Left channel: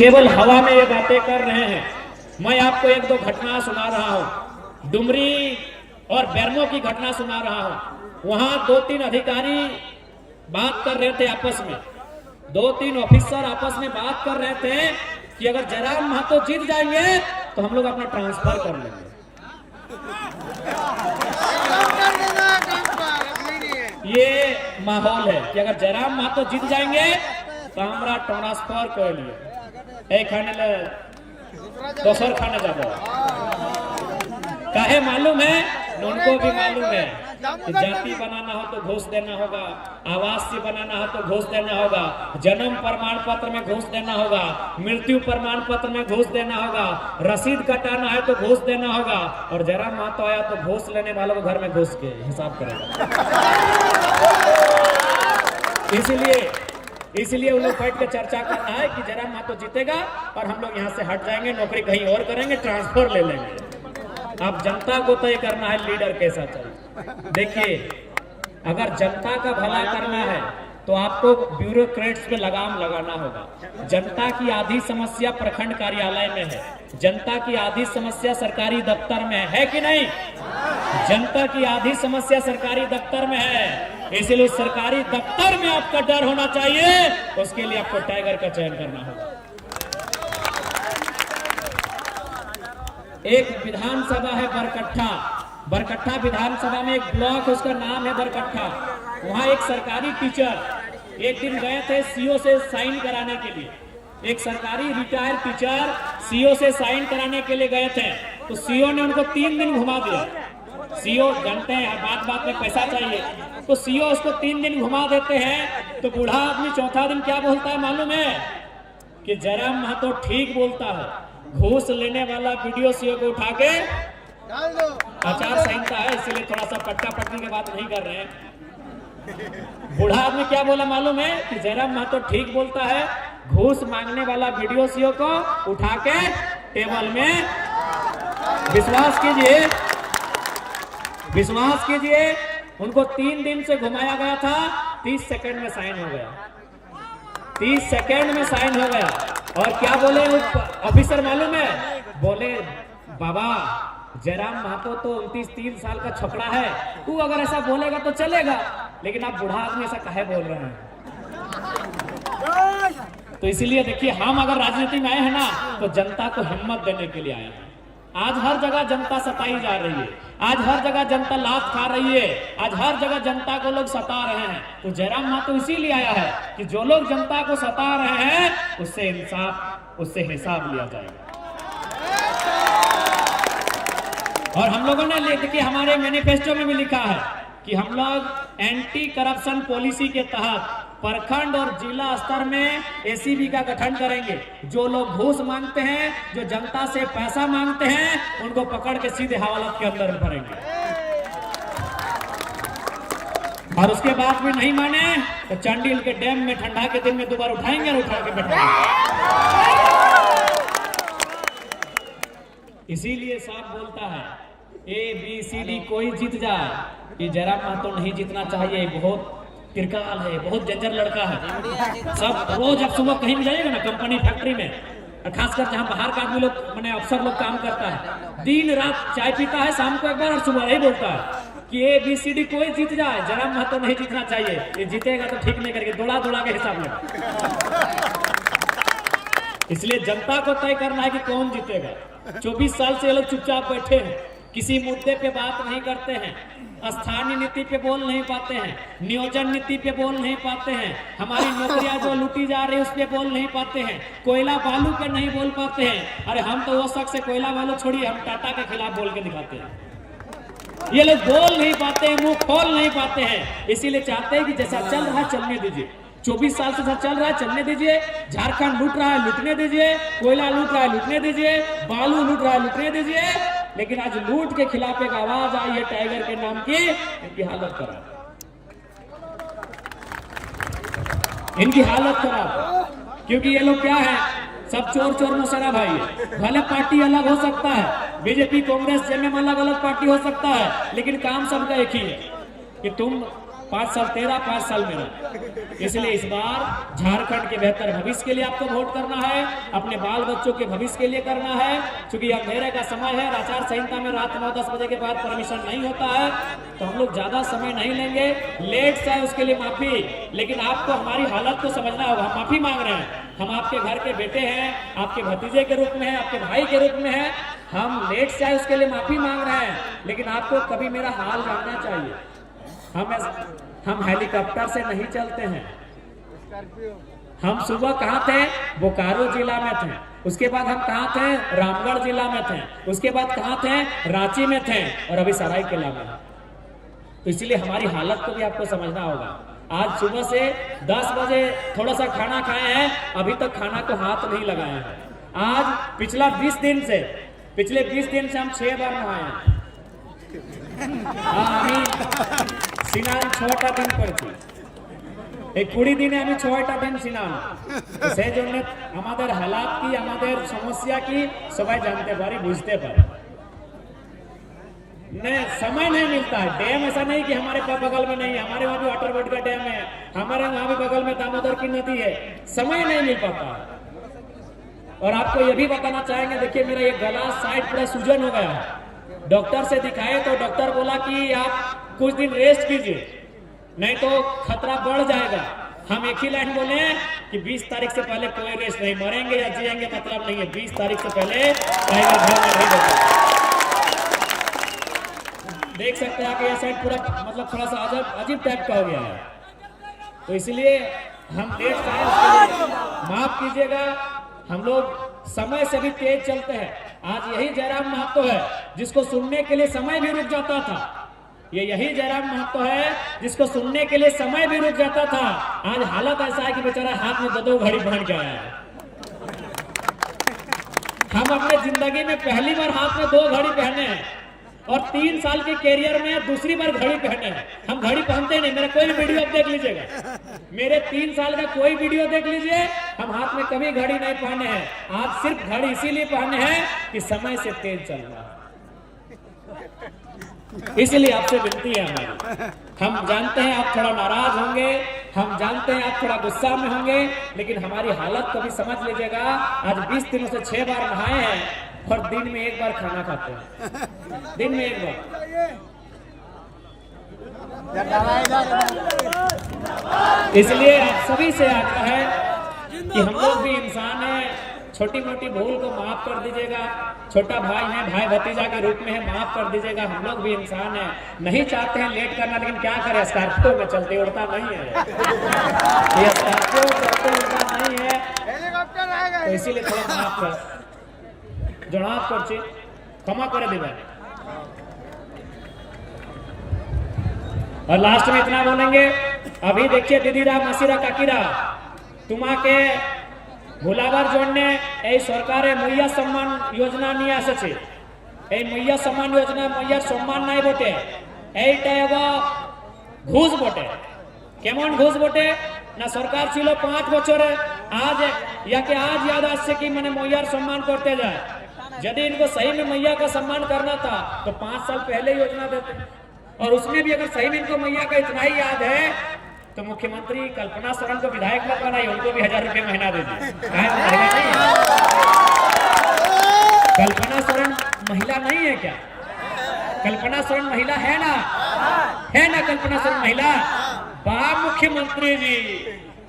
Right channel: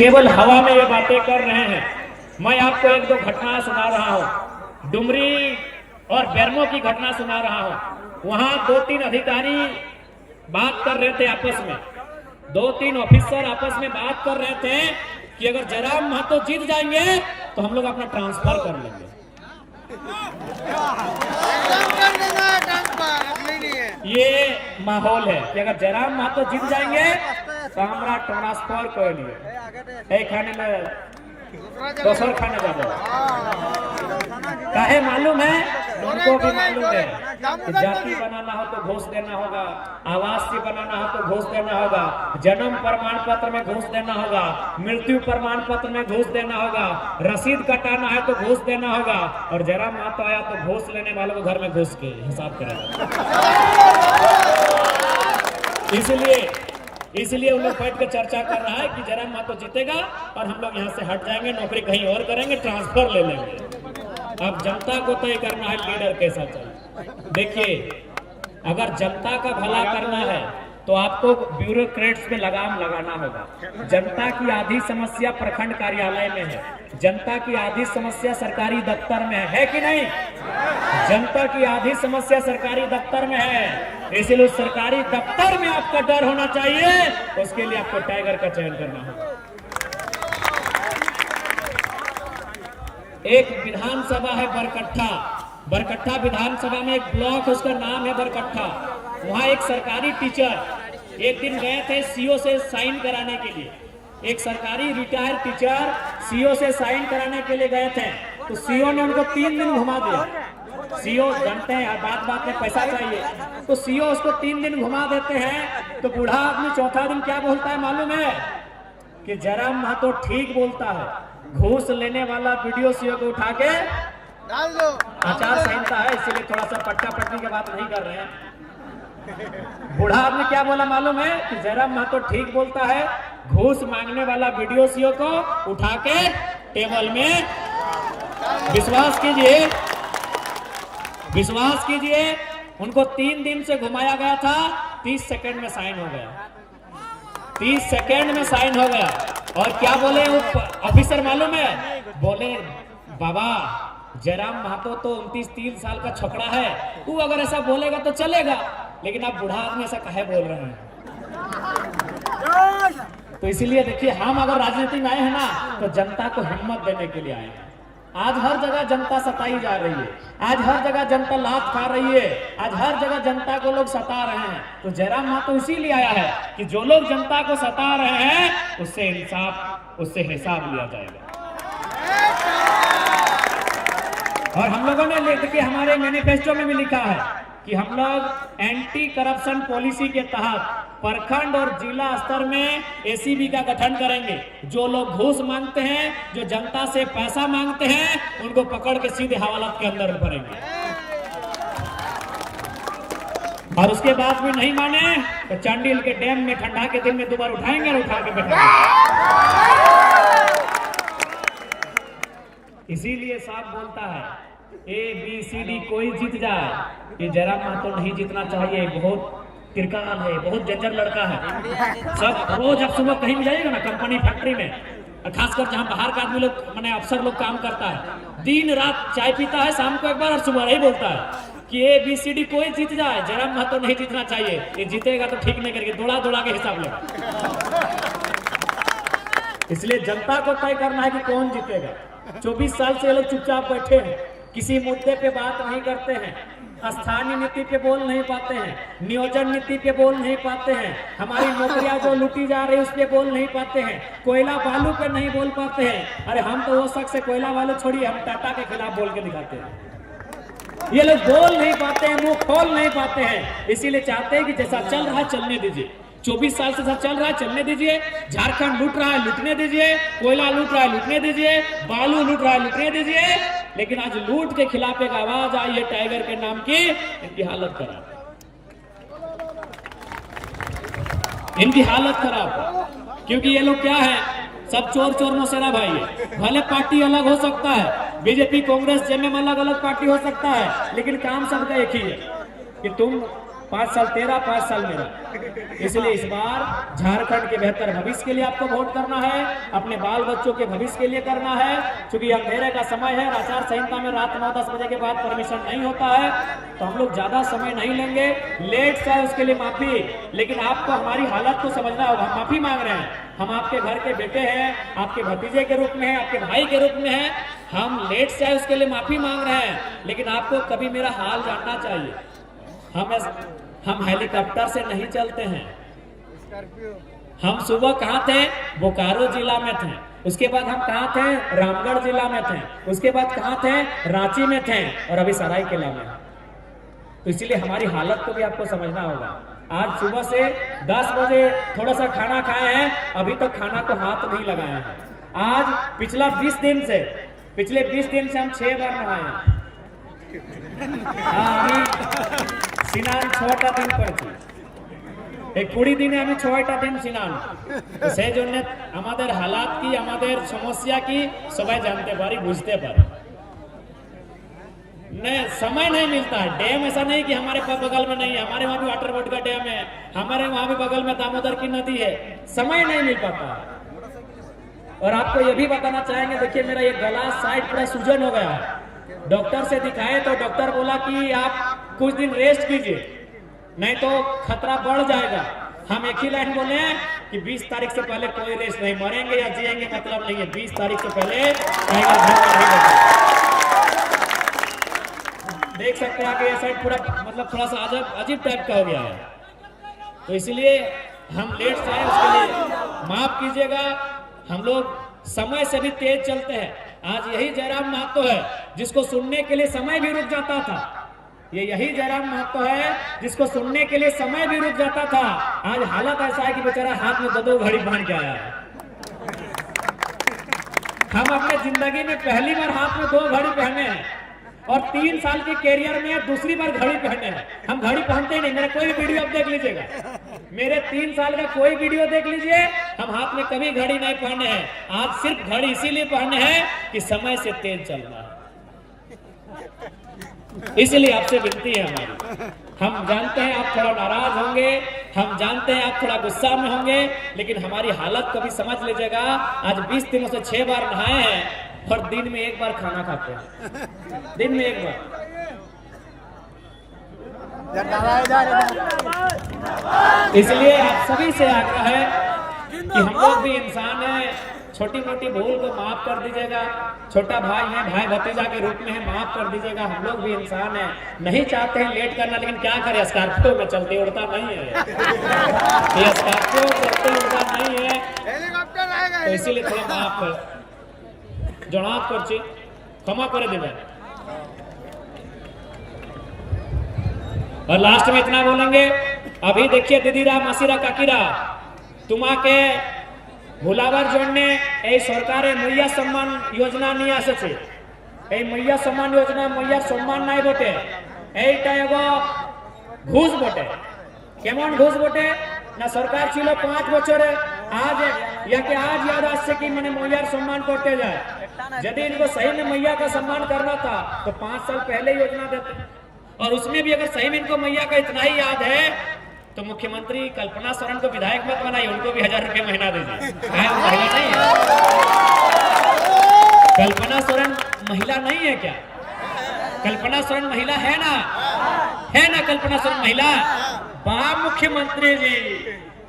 केवल हवा में ये बातें कर रहे हैं। मैं आपको एक दो घटना सुना रहा हूं, डुमरी और बेरमो की घटना सुना रहा हूं। वहां 2-3 अधिकारी बात कर रहे थे आपस में, 2-3 ऑफिसर आपस में बात कर रहे थे कि अगर जयराम महतो जीत जाएंगे तो हम लोग अपना ट्रांसफर कर लेंगे। ये माहौल है कि अगर जयराम महतो जीत जाएंगे तो हमारा ट्रांसफर कर लिए खाने ले दोसर खाने जाबो। काहे मालूम है? उनको भी मालूम है कि जाति बनाना हो तो घूस देना होगा, आवासीय बनाना हो तो घूस देना होगा, जन्म प्रमाण पत्र में घूस देना होगा, मृत्यु प्रमाण पत्र में घूस देना होगा, रसीद कटाना है तो घूस देना होगा। और जयराम महतो आया तो घूस लेने वालों को घर में घुस के हिसाब करेगा। इसलिए उन लोग बैठ के चर्चा कर रहा है कि जयराम महतो जीतेगा और हम लोग यहाँ से हट जाएंगे, नौकरी कहीं और करेंगे, ट्रांसफर ले लेंगे। अब जनता को तय करना है लीडर कैसा चाहिए। देखिए, अगर जनता का भला करना है तो आपको ब्यूरोक्रेट्स पे लगाम लगाना होगा। जनता की आधी समस्या प्रखंड कार्यालय में है, जनता की आधी समस्या सरकारी दफ्तर में है कि नहीं? जनता की आधी समस्या सरकारी दफ्तर में है, इसलिए सरकारी दफ्तर में आपका डर होना चाहिए। उसके लिए आपको टाइगर का चयन करना होगा। एक विधानसभा है बरकट्ठा विधानसभा में एक ब्लॉक, उसका नाम है बरकट्ठा। वहां एक सरकारी टीचर एक दिन गए थे सीओ से साइन कराने के लिए। एक सरकारी रिटायर्ड टीचर सीओ से साइन कराने के लिए गए थे, तो सीओ ने उनको 3 दिन घुमा दिया। सीओ जानते हैं बात बात में पैसा चाहिए, तो सीओ उसको 3 दिन घुमा देते हैं। तो बूढ़ा आदमी चौथा दिन क्या बोलता है मालूम है? कि जयराम महतो ठीक बोलता है, घूस लेने वाला वीडियो सीओ को उठा के आचार संहिता है, इसलिए थोड़ा सा पट्टा पट्टी की बात नहीं कर रहे हैं। बूढ़ा आदमी क्या बोला मालूम है? कि जयराम महतो ठीक बोलता है, घूस मांगने वाला वीडियो सीओ को उठा के टेबल में विश्वास कीजिए उनको 3 दिन से घुमाया गया था, 30 सेकंड में साइन हो गया। 30 सेकंड में साइन हो गया। और क्या बोले ऑफिसर मालूम है? बोले बाबा जयराम महतो तो 29-30 साल का छोकरा है, तू अगर ऐसा बोलेगा तो चलेगा, लेकिन आप बूढ़ा आदमी ऐसा काहे बोल रहे हैं? तो इसीलिए देखिए, हम अगर राजनीति में आए हैं ना तो जनता को हिम्मत देने के लिए आए हैं। आज हर जगह जनता सताई जा रही है, आज हर जगह जनता लात खा रही है, आज हर जगह जनता को लोग सता रहे हैं। तो जयराम महतो इसीलिए आया है कि जो लोग जनता को सता रहे हैं उससे हिसाब लिया जाएगा। और हम लोगों ने देखिए हमारे मैनिफेस्टो में भी लिखा है कि हम लोग एंटी करप्शन पॉलिसी के तहत प्रखंड और जिला स्तर में एसीबी का गठन करेंगे। जो लोग घूस मांगते हैं, जो जनता से पैसा मांगते हैं, उनको पकड़ के सीधे हवालात के अंदर भरेंगे। और उसके बाद भी नहीं माने तो चांडिल के डैम में ठंडा के दिन में दोबारा उठाएंगे और उठा के बैठाएंगे। इसीलिए साहब बोलता है ABCD कोई जीत जाए, ये जयराम महतो नहीं जीतना चाहिए। बहुत तिरकाल है, बहुत जंजर लड़का है। सब रोज आप सुबह कहीं भी जाइएगा ना, कंपनी फैक्ट्री में, और खासकर जहाँ बाहर का आदमी लोग माने अफसर लोग काम करता है, दिन रात चाय पीता है, शाम को एक बार और सुबह ही बोलता है कि ABCD कोई जीत जाए, जयराम महतो नहीं जीतना चाहिए। ये जीतेगा तो ठीक नहीं करके दौड़ा के हिसाब लेगा। इसलिए जनता को तय करना है कि कौन जीतेगा। 24 साल से ये लोग चुपचाप बैठे हैं, किसी मुद्दे पे बात नहीं करते हैं, स्थानीय नीति पे बोल नहीं पाते हैं, नियोजन नीति पे बोल नहीं पाते हैं, हमारी नौकरियां जो लूटी जा रही है उस पे बोल नहीं पाते हैं, कोयला बालू पे नहीं बोल पाते हैं। अरे हम तो वो शख्स है, कोयला बालू छोड़िए, हम टाटा के खिलाफ बोल के दिखाते हैं। ये लोग बोल नहीं पाते हैं, मुंह खोल नहीं पाते हैं। इसीलिए चाहते हैं कि जैसा चल रहा चलने दीजिए। 24 साल से सब चल रहा है, चलने दीजिए। झारखंड लूट रहा है, लूटने दीजिए। कोयला लूट रहा है, लूटने दीजिए। बालू लूट रहा है, लूटने दीजिए। लेकिन आज लूट के खिलाफ एक आवाज आई है टाइगर के नाम की, इनकी हालत खराब है, इनकी हालत खराब है। क्योंकि ये लोग क्या है, सब चोर मौसेरा भाई है। भले पार्टी अलग हो सकता है, बीजेपी कांग्रेस जेएमएम अलग अलग पार्टी हो सकता है, लेकिन काम सबका एक ही है कि तुम 5 साल तेरा, 5 साल मेरा। इसलिए इस बार झारखंड के बेहतर भविष्य के लिए आपको वोट करना है, अपने बाल बच्चों के भविष्य के लिए करना है। क्योंकि अंधेरे का समय है, आचार संहिता में रात 9-10 बजे के बाद परमिशन नहीं होता है, तो हम लोग ज्यादा समय नहीं लेंगे। लेट से आए उसके लिए माफी, लेकिन आपको हमारी हालत को समझना होगा। हम माफी मांग रहे हैं, हम आपके घर के बेटे हैं, आपके भतीजे के रूप में हैं, आपके भाई के रूप में हैं। हम लेट से आए उसके लिए माफी मांग रहे हैं, लेकिन आपको कभी मेरा हाल जानना चाहिए। हम हेलीकॉप्टर से नहीं चलते हैं। हम सुबह कहाँ थे? बोकारो जिला में थे। उसके बाद हम कहाँ थे? रामगढ़ जिला में थे। उसके बाद कहाँ थे? रांची में थे, और अभी सरायकेला में। तो इसलिए हमारी हालत को भी आपको समझना होगा। आज सुबह से 10 बजे थोड़ा सा खाना खाए हैं, अभी तक खाना को हाथ नहीं लगाए हैं। आज पिछले 20 दिन से हम 6 बार नहाए हैं। स्नान 6টা दिन করেছি, এই 20 দিনে আমি 6টা दिन স্নান। তো সেই জন্য আমাদের হালাত কি, আমাদের সমস্যা কি সবাই জানতে পারি, বুঝতে পারি। नहीं, समय नहीं मिलता। डैम ऐसा नहीं कि हमारे बगल में नहीं है, हमारे वहां भी वाटर बोर्ड का डैम है, हमारे वहां भी बगल में दामोदर की नदी है। समय नहीं मिल पाता। और आपको यह भी बताना चाहेंगे, देखिए मेरा ये गला साइड पूरा सूजन हो गया है। डॉक्टर से दिखाए तो डॉक्टर बोला कि आप कुछ दिन रेस्ट कीजिए, नहीं तो खतरा बढ़ जाएगा। हम एक ही लाइन बोले कि 20 तारीख से पहले कोई रेस्ट नहीं, मरेंगे या जिएंगे मतलब नहीं है। 20 तारीख से पहले टाइगर घर में नहीं बैठे। देख सकते हैं कि ये साइड पूरा मतलब थोड़ा सा अजीब टाइप का हो गया है। तो इसलिए हम लेट से आए, उसके लिए माफ कीजिएगा। हम लोग समय से भी तेज चलते हैं। आज यही जयराम महतो है जिसको सुनने के लिए समय भी रुक जाता था। ये यही जयराम महतो है जिसको सुनने के लिए समय भी रुक जाता था। आज हालत ऐसा है कि बेचारा हाथ में 2 घड़ी पहन के आया है। हम अपने जिंदगी में पहली बार हाथ में 2 घड़ी पहने हैं, और 3 साल के कैरियर में दूसरी बार घड़ी पहने हैं। हम घड़ी पहनते ही नहीं। मेरा कोई वीडियो आप देख लीजिएगा, मेरे 3 साल का कोई वीडियो देख लीजिए, हम हाथ में कभी घड़ी नहीं पहने हैं। आज सिर्फ घड़ी इसीलिए पहने हैं कि समय से तेज चलना है। इसलिए आपसे विनती है हमारी। हम जानते हैं आप थोड़ा नाराज होंगे, हम जानते हैं आप थोड़ा गुस्सा में होंगे, लेकिन हमारी हालत को भी समझ लीजिएगा। आज 20 दिनों से 6 बार नहाए हैं, और दिन में 1 बार खाना खाते हैं। दिन में 1 बार। इसलिए आप सभी से आग्रह है कि हम लोग भी इंसान हैं, छोटी मोटी भूल को माफ कर दीजिएगा। छोटा भाई है, भाई भतीजा के रूप में है, माफ कर दीजिएगा। हम लोग भी इंसान हैं, नहीं चाहते हैं लेट करना, लेकिन क्या करें, स्कॉर्पियो में चलते उड़ता नहीं है। ये स्कॉर्पियो चलते उड़ता नहीं है, तो इसीलिए थोड़ा माफ कर जनाब करছি, क्षमा করে देवें। और लास्ट में इतना बोलेंगे, अभी देखिए दीदीरा मासिरा काकीरा তোমাকে ভোলাবার জন্য এই সরকারের মৈয়া সম্মান যোজনা নিয়ে আসছে। এই মৈয়া সম্মান যোজনা মৈয়ার সম্মান নাই বটে, এইটা এগো ঘুষ বটে। কেমন ঘুষ বটে না, সরকার ছিল 5 বছরে, आज याद আসছে कि मैंने मैयार सम्मान करते जाए। यदि इनको सही में मैया का सम्मान करना था तो 5 साल पहले योजना देते, और उसमें भी अगर सही में इनको मैया का इतना ही याद है तो मुख्यमंत्री कल्पना सोरेन को विधायक मत बनाइए, उनको भी 1000 रुपये महीना दे दीजिए। कल्पना सोरेन महिला नहीं है क्या? कल्पना सोरेन महिला है ना? कल्पना सोरेन महिला। वाह मुख्यमंत्री जी,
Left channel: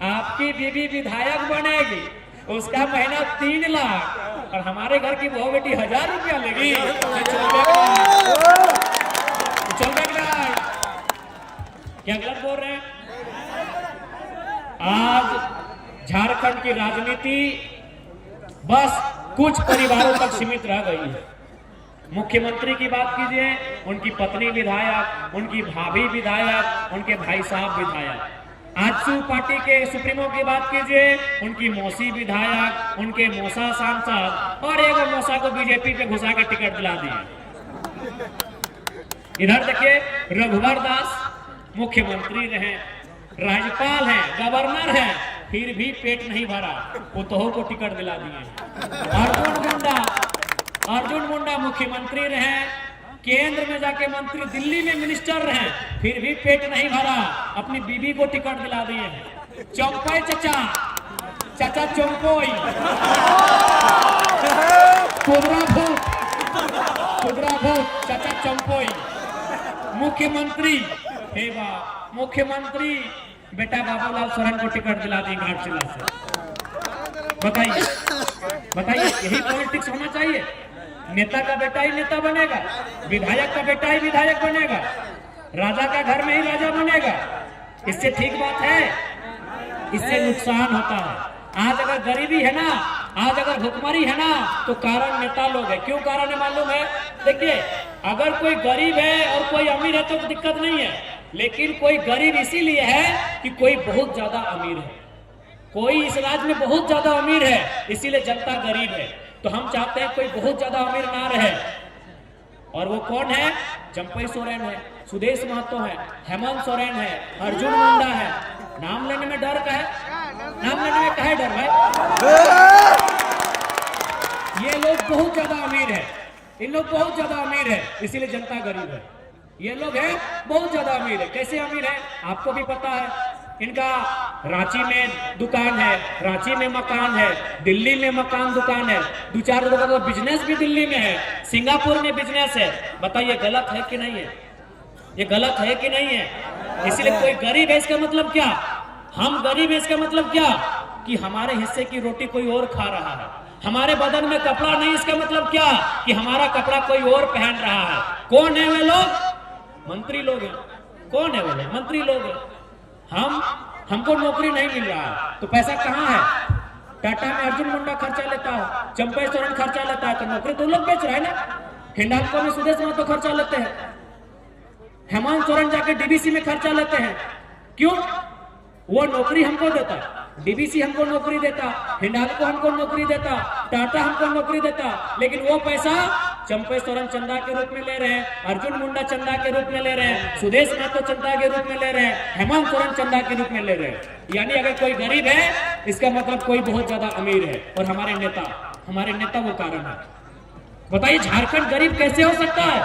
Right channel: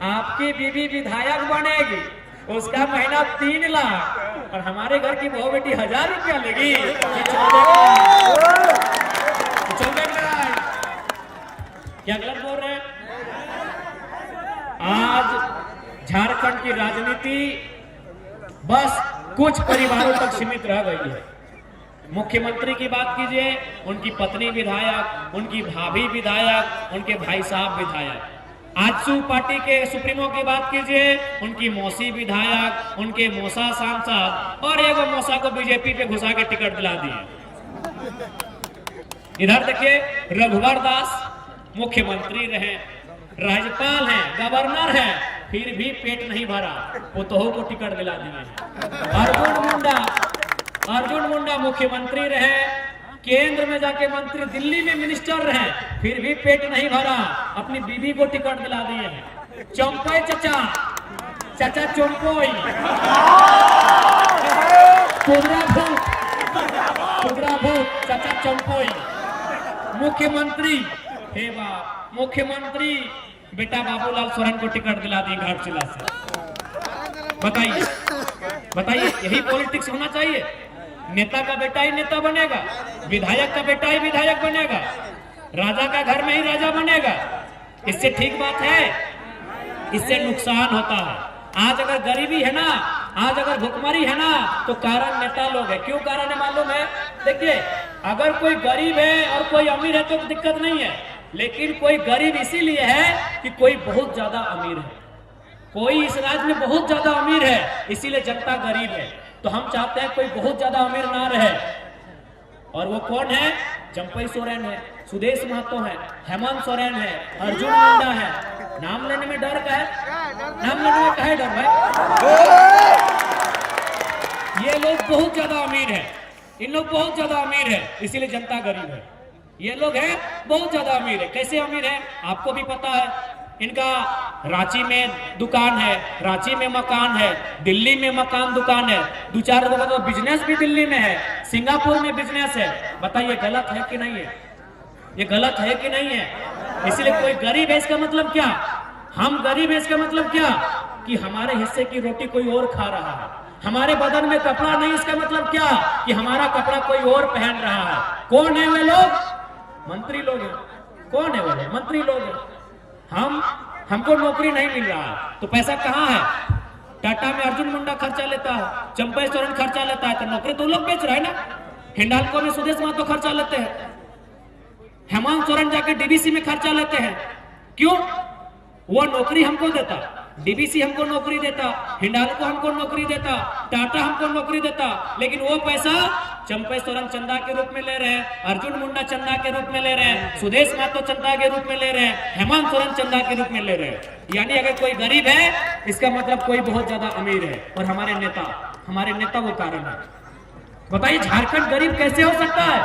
आपकी बीबी विधायक बनेगी, उसका महीना 3 लाख, और हमारे घर की बहू बेटी 1000 रुपया लेगी। क्या गलत बोल रहे हैं? आज झारखंड की राजनीति बस कुछ परिवारों तक सीमित रह गई है। मुख्यमंत्री की बात कीजिए, उनकी पत्नी विधायक, उनकी भाभी विधायक, उनके भाई साहब विधायक। आजसू पार्टी के सुप्रीमो की बात कीजिए, उनकी मौसी विधायक, उनके मौसा सांसद, और एगो मौसा को बीजेपी पे घुसा के टिकट दिला दिए। इधर देखिए रघुवर दास मुख्यमंत्री रहे, राज्यपाल हैं, गवर्नर हैं, फिर भी पेट नहीं भरा, पुतोह को टिकट दिला दिए। अर्जुन मुंडा मुख्यमंत्री रहे, केंद्र में जाके मंत्री, दिल्ली में मिनिस्टर रहे, फिर भी पेट नहीं भरा, अपनी बीबी को टिकट दिला दिए हैं। चौंपोई चाचा, चाचा चौंपोई, कुबरा भूत चाचा चौंपोई, मुख्यमंत्री, हे बाप, मुख्यमंत्री बेटा बाबूलाल सोरेन को टिकट दिला दी घाटशिला से। बताइए बताइए, यही पॉलिटिक्स होना चाहिए? नेता का बेटा ही नेता बनेगा, विधायक का बेटा ही विधायक बनेगा, राजा का घर में ही राजा बनेगा। इससे ठीक बात है? इससे नुकसान होता है। आज अगर गरीबी है ना, आज अगर भुखमरी है ना, तो कारण नेता लोग है। क्यों कारण है मालूम है? देखिए, अगर कोई गरीब है और कोई अमीर है तो दिक्कत नहीं है, लेकिन कोई गरीब इसीलिए है कि कोई बहुत ज्यादा अमीर है, कोई इस राज्य में बहुत ज्यादा अमीर है, इसीलिए जनता गरीब है। तो हम चाहते हैं कोई बहुत ज्यादा अमीर ना रहे। और वो कौन है? चंपई सोरेन है, सुदेश महतो है, हेमंत सोरेन है, अर्जुन मुंडा है। नाम लेने में डर का है? नाम लेने में काहे डर भाई? ये लोग बहुत ज्यादा अमीर है, इन लोग बहुत ज्यादा अमीर है, इसीलिए जनता गरीब है। ये लोग हैं बहुत ज्यादा अमीर है। कैसे अमीर है आपको भी पता है। इनका रांची में दुकान है, रांची में मकान है, दिल्ली में मकान दुकान है, 2-4 लोगों का बिजनेस भी दिल्ली में है, सिंगापुर में बिजनेस है। बताइए गलत है कि नहीं है? ये गलत है कि नहीं है? इसलिए कोई गरीब है इसका मतलब क्या? हम गरीब है इसका मतलब क्या? कि हमारे हिस्से की रोटी कोई और खा रहा है, हमारे बदन में कपड़ा नहीं, इसका मतलब क्या? कि हमारा कपड़ा कोई और पहन रहा है। कौन है वे लोग? मंत्री लोग हैं। कौन है वे लोग? मंत्री लोग हैं। हमको नौकरी नहीं मिल रहा है तो पैसा कहाँ है? टाटा में अर्जुन मुंडा खर्चा लेता है, चंपई सोरेन खर्चा लेता है, तो नौकरी तो लोग बेच रहे हैं ना। हिंडाल्को में सुदेश महतो खर्चा लेते हैं, हेमंत सोरेन जाके डीबीसी में खर्चा लेते हैं। क्यों? वो नौकरी हमको देता, डीबीसी हमको नौकरी देता, हिंडाल्को हमको नौकरी देता, टाटा हमको नौकरी देता, लेकिन वो पैसा चंपई सोरेन चंदा के रूप में ले रहे हैं, अर्जुन मुंडा चंदा के रूप में ले रहे हैं, सुदेश महतो चंदा के रूप में ले रहे हैं, हेमंत सोरेन चंदा के रूप में ले रहे हैं। यानी अगर कोई गरीब है इसका मतलब कोई बहुत ज्यादा अमीर है। और हमारे नेता वो कारण है। बताइए झारखंड गरीब कैसे हो सकता है?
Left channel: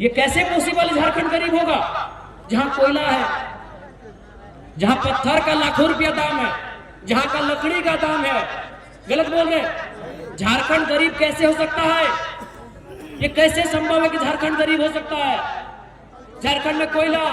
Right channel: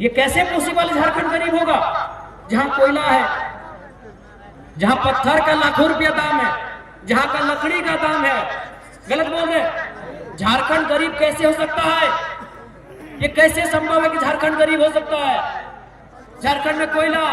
ये कैसे पॉसिबल? झारखंड गरीब होगा जहां कोयला है, जहां पत्थर का लाखों रुपया दाम है, जहां का लकड़ी का दाम है। गलत बोल रहे? झारखंड गरीब कैसे हो सकता है? ये कैसे संभव है कि झारखंड गरीब हो सकता है? झारखंड में कोयला,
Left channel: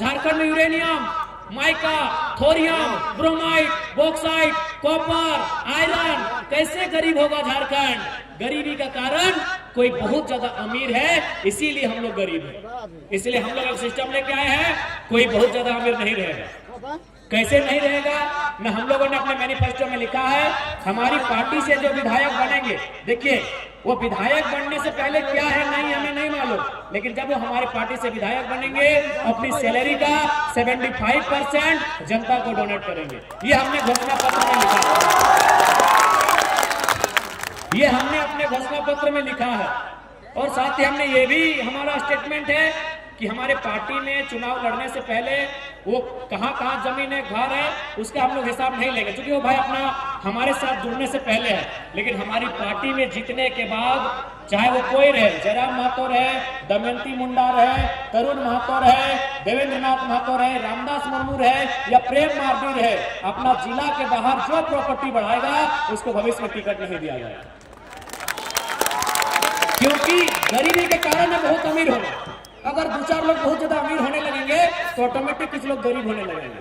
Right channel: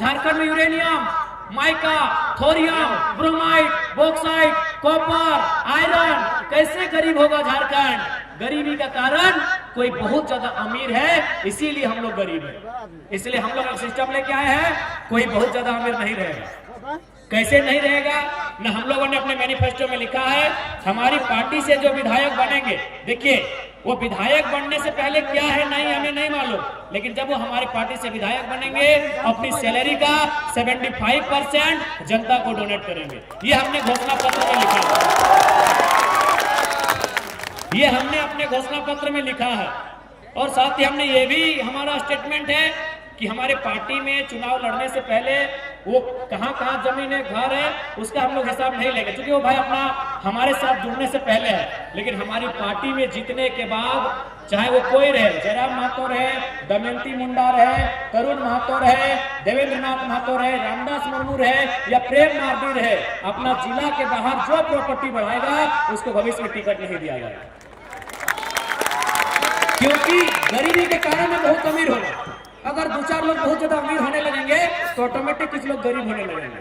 झारखंड में uranium, mica, thorium, bromide, bauxite, copper, iron, कैसे गरीब होगा झारखंड? गरीबी का कारण कोई बहुत ज्यादा अमीर है, इसीलिए हम लोग गरीब हैं। इसलिए हम लोग एक सिस्टम लेके आए हैं, कोई बहुत ज्यादा अमीर नहीं रहेगा। कैसे नहीं रहेगा? न हम लोगों ने अपने मैनिफेस्टो में लिखा है, हमारी पार्टी से जो विधायक बनेंगे, देखिए वो विधायक बनने से पहले क्या है नहीं हमें नहीं मालूम, लेकिन जब वो हमारे पार्टी से विधायक बनेंगे अपनी सैलरी का 75% जनता को डोनेट करेंगे। ये हमने घोषणा पत्र में लिखा है, ये हमने अपने घोषणा पत्र में लिखा है। और साथ ही हमने ये भी हमारा स्टेटमेंट है कि हमारे पार्टी में चुनाव लड़ने से पहले वो कहां जमीन है, घर है, उसका हम लोग हिसाब नहीं लेंगे, क्योंकि वो भाई अपना हमारे साथ जुड़ने से पहले है। लेकिन हमारी पार्टी में जीतने के बाद चाहे वो कोई रहे, जयराम महतो रहे, दमयंती मुंडा रहे, तरुण महतो रहे, देवेंद्र नाथ महतो रहे, रामदास मुर्मू रहे या प्रेम मार्डी रहे, अपना जिला के बाहर जो प्रॉपर्टी बढ़ाएगा उसको भविष्य में टिकट नहीं दिया जाएगा। क्योंकि गरीबी के कारण है बहुत अमीर होना। अगर 2-4 लोग बहुत ज्यादा अमीर होने लगेंगे तो ऑटोमेटिक कुछ लोग गरीब होने लगेंगे।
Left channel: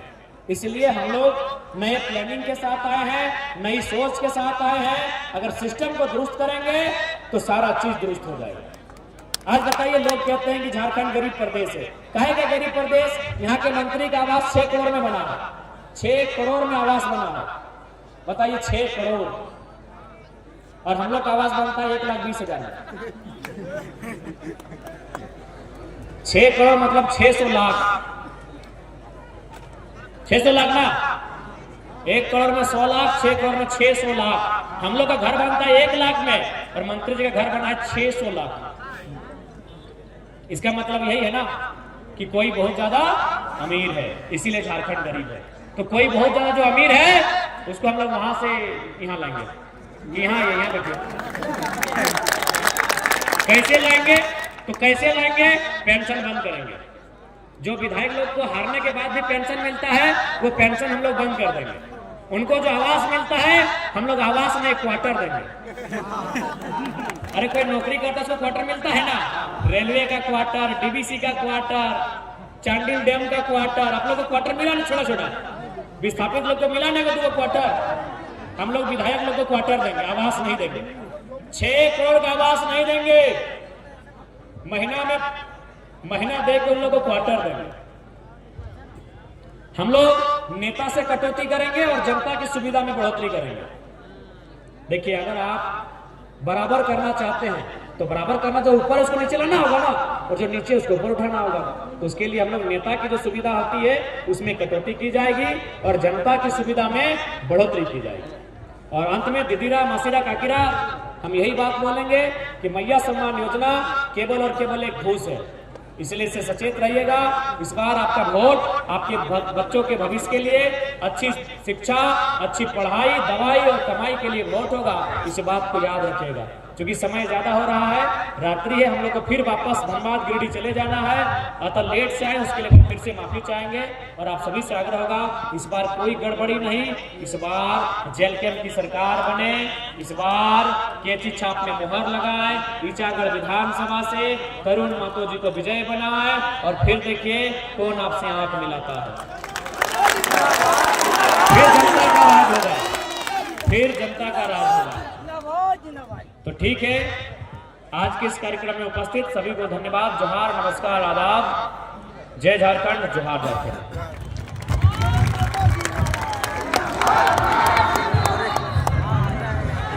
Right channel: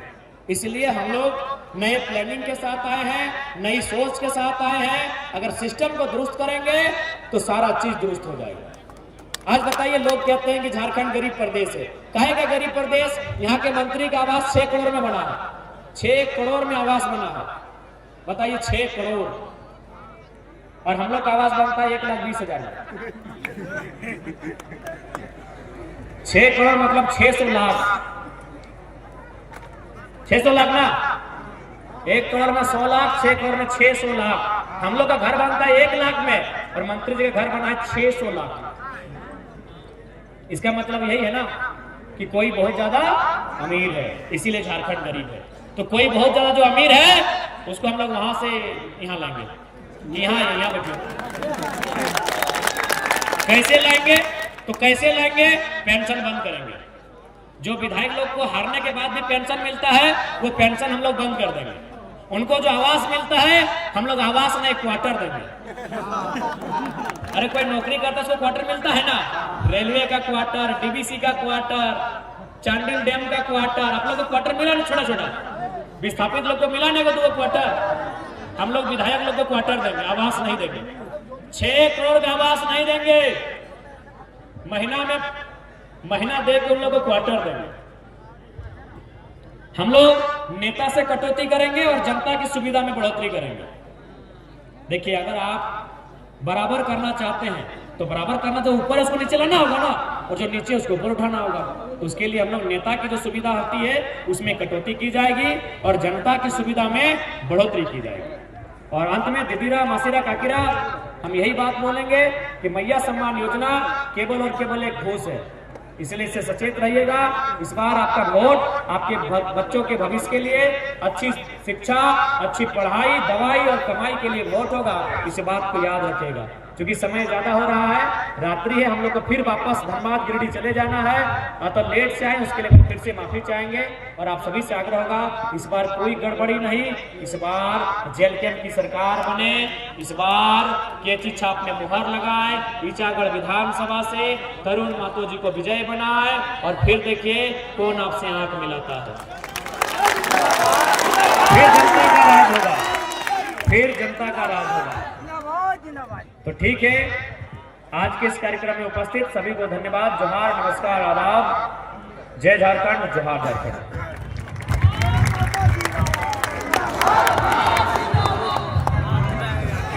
इसलिए हम लोग नए प्लानिंग के साथ आए हैं, नई सोच के साथ आए हैं। अगर सिस्टम को दुरुस्त करेंगे तो सारा चीज दुरुस्त हो जाएगा। आज बताइए, लोग कहते हैं कि झारखंड गरीब प्रदेश है। काहे का गरीब प्रदेश? यहाँ के मंत्री का आवास 6 करोड़ में बना है, 6 करोड़ में आवास बना है। बताइए 6 करोड़, और हम लोग का आवास बनता है 1,20,000 में। 6 करोड़ मतलब 600 लाख, 600 लाख ना, 1 करोड़ में 100 लाख, 6 करोड़ में 600 लाख। हम लोग का घर बनता है 1 लाख में और मंत्री जी का घर बना है 600 लाख। इसका मतलब यही है ना कि कोई बहुत ज्यादा अमीर है, इसीलिए झारखंड गरीब है। तो कोई बहुत ज्यादा जो अमीर है उसको हम लोग वहां से यहाँ लाएंगे। यहाँ बैठिए। कैसे लाएंगे? तो कैसे लाएंगे? पेंशन बंद करेंगे। जो विधायक लोग को हारने के बाद भी पेंशन मिलता है, वो पेंशन हम लोग बंद कर देंगे। उनको जो आवास मिलता है, हम लोग आवास नहीं क्वार्टर देंगे। अरे कोई नौकरी करता है उसको क्वार्टर मिलता है ना, रेलवे का क्वार्टर, डीबीसी का क्वार्टर, चांडिल डैम का क्वार्टर, आप लोग को क्वार्टर मिला ना, छोटा छोटा विस्थापित लोग को मिला ना दो क्वार्टर। हम लोग विधायक लोग को क्वार्टर देंगे, आवास नहीं देंगे। 6 करोड़ का आवास नहीं देंगे, महीना देकर उन लोगों को क्वार्टर देंगे। हम लोग नेता से कटौती करेंगे और जनता की सुविधा में बढ़ोतरी करेंगे। देखिए, अगर आप बराबर करना चाहते हैं तो बराबर करना, जो ऊपर उसको नीचे लाना होगा ना, और जो नीचे उसको ऊपर उठाना होगा। तो उसके लिए हम लोग नेता की जो सुविधा होती है उसमें कटौती की जाएगी और जनता की सुविधा में बढ़ोतरी की जाएगी। और अंत में दीदीरा मासीरा काकीरा, हम यही बात बोलेंगे कि मैया सम्मान योजना केवल और केवल एक घूस है, इसलिए इससे सचेत रहिएगा। इस बार आपका वोट आपके बच्चों के भविष्य के लिए, अच्छी शिक्षा, अच्छी पढ़ाई, दवाई और कमाई के लिए वोट होगा। इस बात को याद रखिएगा, क्योंकि समय ज्यादा हो रहा है, रात्रि है, हम लोग को फिर वापस धनबाद गिरिडीह चले जाना है। अतः लेट से आए उसके लिए फिर से माफी चाहेंगे और आप सभी से आग्रह होगा, इस बार कोई गड़बड़ी नहीं, इस बार जेल कैंप की सरकार बने, इस बार केची छाप में मुहर लगाए, ईचागढ़ विधानसभा से तरुण महतो जी को विजय बनाए और फिर देखिए कौन आपसे आंख मिलाता है। फिर जनता का राज होगा, फिर जनता का राज होगा। तो ठीक है, आज के इस कार्यक्रम में उपस्थित सभी को धन्यवाद। जोहार, नमस्कार, आदाब, जय झारखंड, जोहार झारखंड।